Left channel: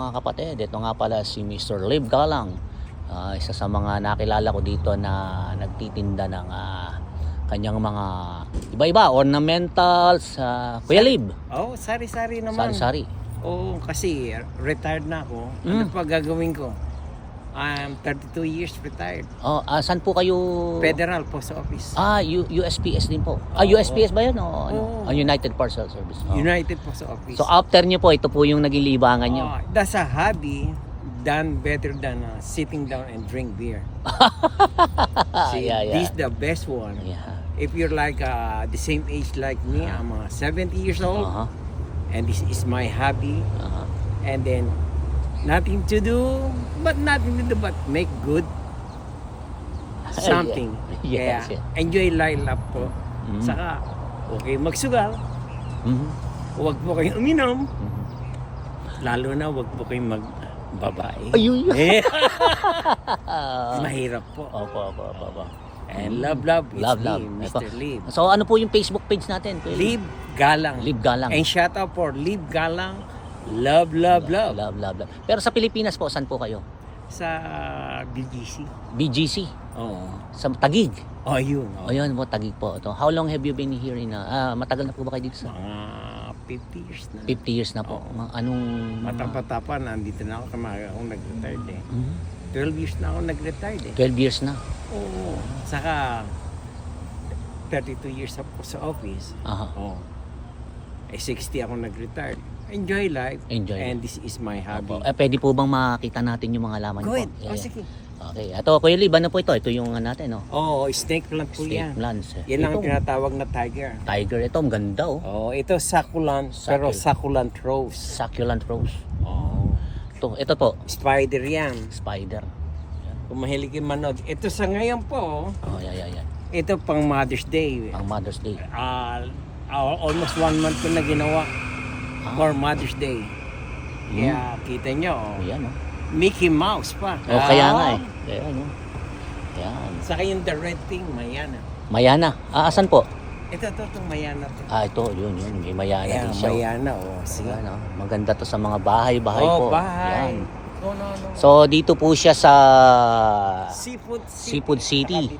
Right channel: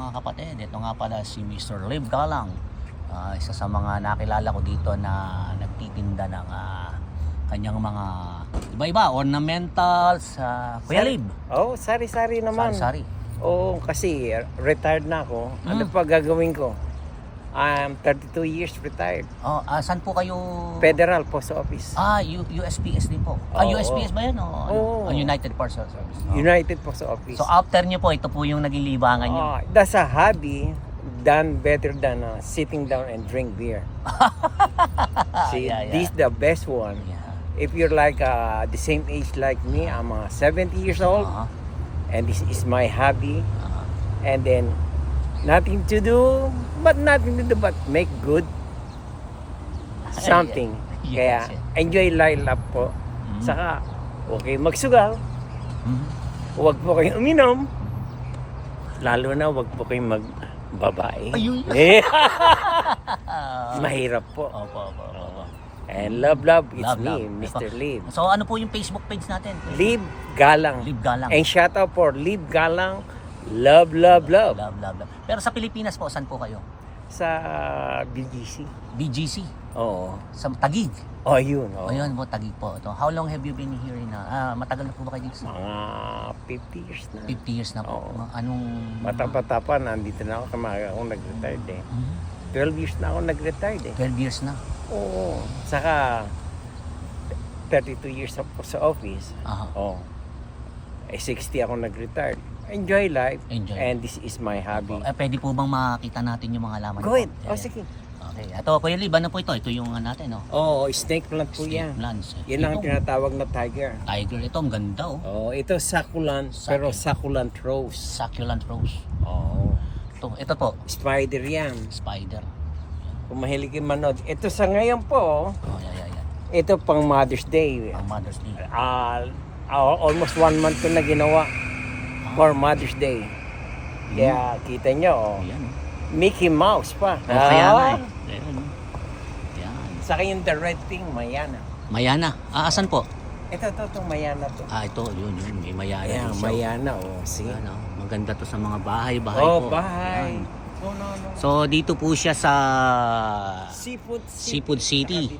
mga kapatid, ito nga pala si Mr. Liv Galang. Isa sa mga nakilala ko dito na nagtitinda ng kanyang mga iba-iba, ornamentals. Kuya Liv. Oh, sari-sari naman. Sari-sari. Oo, kasi retired na ako. Ano pa gagawin ko? I'm 32 years retired. Saan po kayo? Federal Post Office. USPS din po. USPS ba yun? United Parcel Service. United Post Office. So after nyo po, ito po yung naging libangan nyo. That's a hobby done better than sitting down and drink beer. See, this is the best one. If you're like the same age like me, I'm 70 years old, and this is my hobby. And then nothing to do but make good something. Kaya enjoy life po. Saka okay magsugal. Huwag po kayong uminom. Lalo na huwag po kayong magbabae. Mahirap po. And love, it's me, Mr. Liv. So ano po yung Facebook page natin? Liv Galang. Liv Galang. And shout out for Liv Galang. Love, love, love. Love. Pero sa Pilipinas po, saan po kayo? Sa BGC. BGC? Oo. Sa Taguig? Yun. Ayun po, Taguig po. Ito. How long have you been here in matagal na po ba kayo dito? Mga 50 years na. 50 years na po. Anong... Bata-bata nandito na ako kamaga akong nag-retired 12 years na ako nag-retired 12 years na? Oo. Saka 32 years ako sa office. 60 ako nag-retired. Enjoy life. And this is my hobby. Pwede po bang makita natin yung mga laman? Go ahead. Sige. Okay. Ito, Kuya Liv, ano po ito? Ito yung natin, snake plant po yan. Snake plants. Yan lang ang tinatawag na tiger. Tiger. Ito, ang ganda, ito succulent, pero succulent rose. Succulent rose. Ito po. Spider yan. Spider. Kung mahilig yung manood. Ito sa ngayon po, ito pang Mother's Day. Mother's Day. Almost 1 month ko na ginawa for Mother's Day. Kaya kita nyo, Mickey Mouse pa. Kaya nga Saka yung the red thing, Mayana. Mayana? Asan po? Ito, Mayana to. Ito, yun, may Mayana. Yeah, Mayana, sige. Maganda to sa mga bahay po. Bahay. No. So, dito po siya sa Seafood City.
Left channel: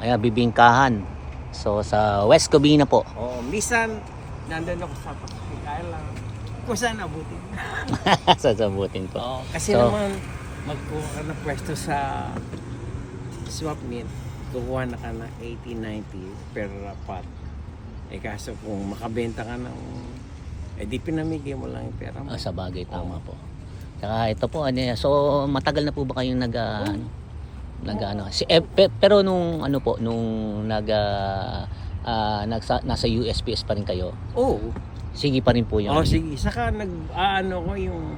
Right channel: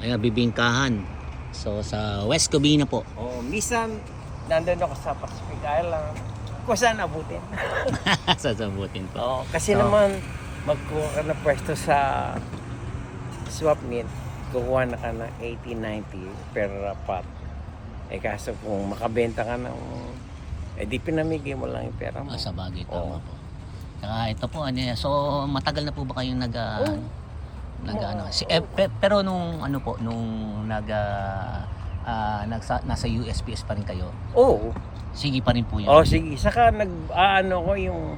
Bibingkahan. So, sa West Covina po. Minsan, nandun ako sa Pacific Island. Kung saan abutin. Sasabutin po. Kasi naman, magkuha ka na pwesto sa swap meet, kukuha na ka na 80-90 per pot. Kaso kung makabenta ka ng, di pinamigay mo lang yung pera mo. Sa bagay po. Saka ito po, so matagal na po ba kayong pero nung nasa USPS pa rin kayo? Sige pa rin po yun. Sige. Saka ko yung,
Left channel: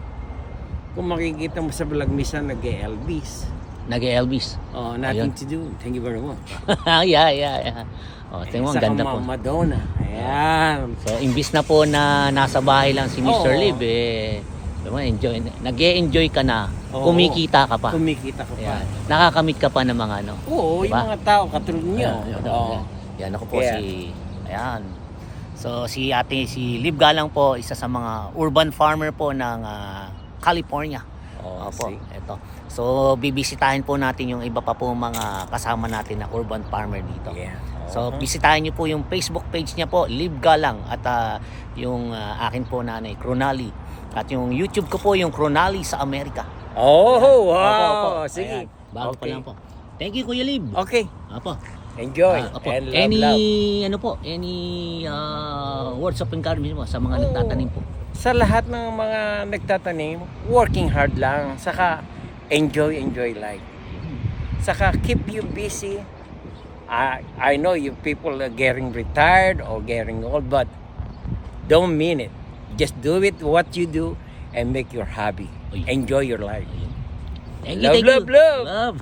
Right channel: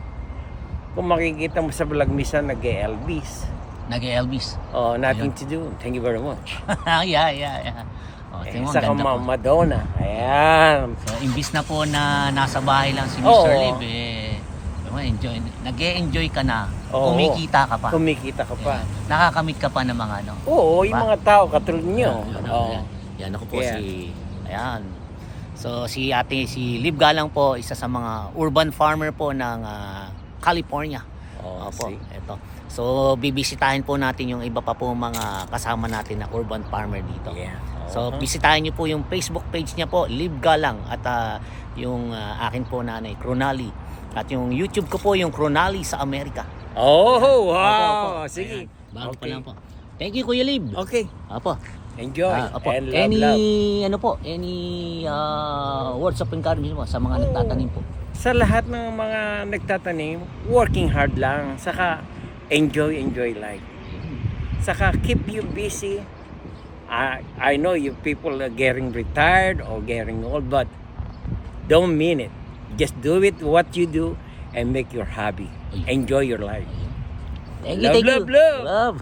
kung makikita mo sa vlog, minsan nag-e-Elvis. Nag-e-Elvis? Nothing to do. Thank you very much. Yeah. Saka Madonna. Ayan. So, imbis na po na nasa bahay lang si Mr. Liv, nag-e-enjoy ka na. Kumikita ka pa. Nakakamit ka pa ng mga yung mga tao katulad nyo. Yan ako po So si Liv Galang po, isa sa mga urban farmer po ng California. Ito. So bibisitahin po natin yung iba pa po mga kasama natin na urban farmer dito. So bisitahin niyo po yung Facebook page niya po, Liv Galang, at yung akin po nanay, Cronali. At yung YouTube ko po, yung Cronali sa Amerika. Wow! Sige. Bago pa lang po. Thank you, Kuya Liv. Okay. Enjoy and love. Any words of encouragement po sa mga nagtatanim po? Sa lahat ng mga nagtatanim, working hard lang. Saka enjoy life. Saka keep you busy. I know you people are getting retired or getting old, but don't mean it. Just do it what you do and make your hobby. Enjoy your life. Love.